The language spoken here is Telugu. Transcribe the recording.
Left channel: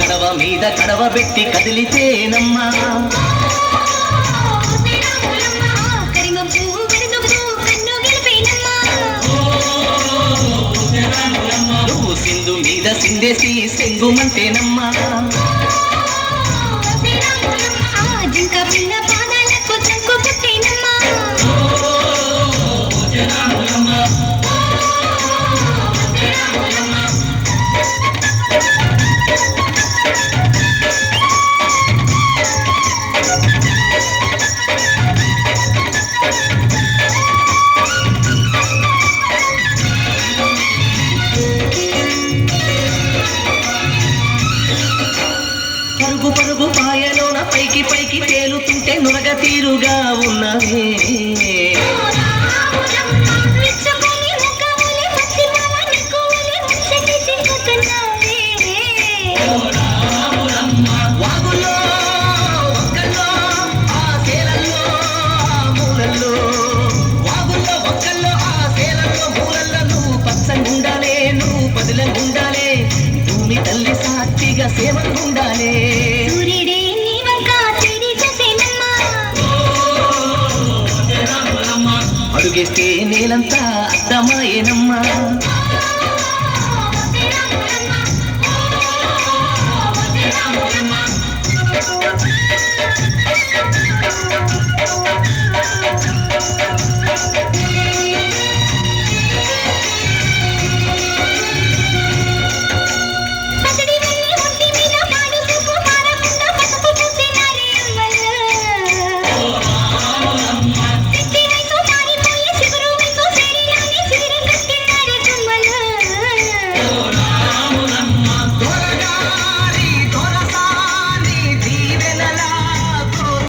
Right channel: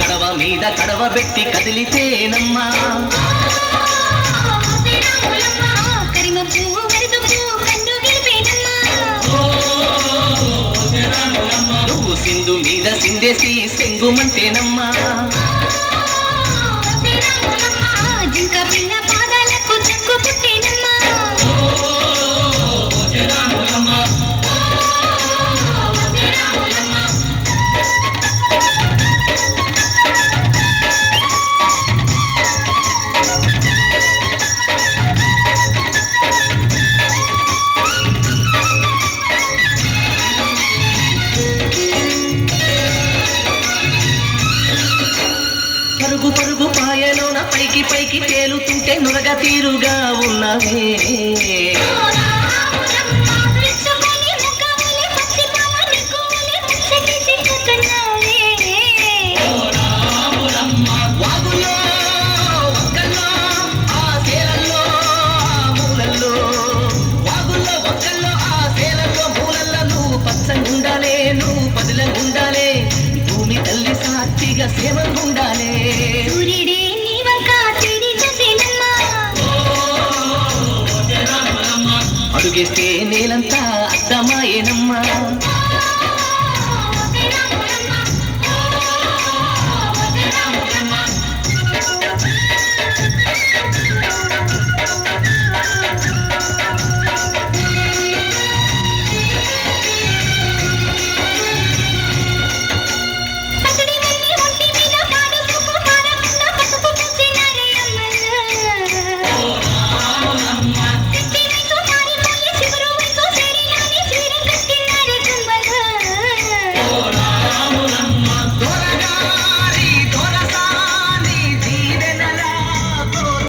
కడవ మీద కడవ పెట్టి కదిలితేనమ్మా నువ్వు సింధు మీద సిందేసి సెంగుమంటేనమ్మా జింక పిల్ల పాదాలకు చంకు పుట్టేనమ్మా పరుగు పరుగు పాయలోన పైకి పైకి తేలుతుంటే నురగ తీరుగా ఉన్నవే వాగుల్లో ఒక్కల్లో ఆ సేలల్లో మూలల్లో వాగుల్లో ఒక్కల్లో ఆ సేలల్లో మూలల్లో నువ్వు పచ్చంగుండాలే నువ్వు పదులంగుండాలే భూమి తల్లి సాక్షిగా సేవంగుండాలే అడుగేస్తే నేలంతా అర్థమాయేనమ్మా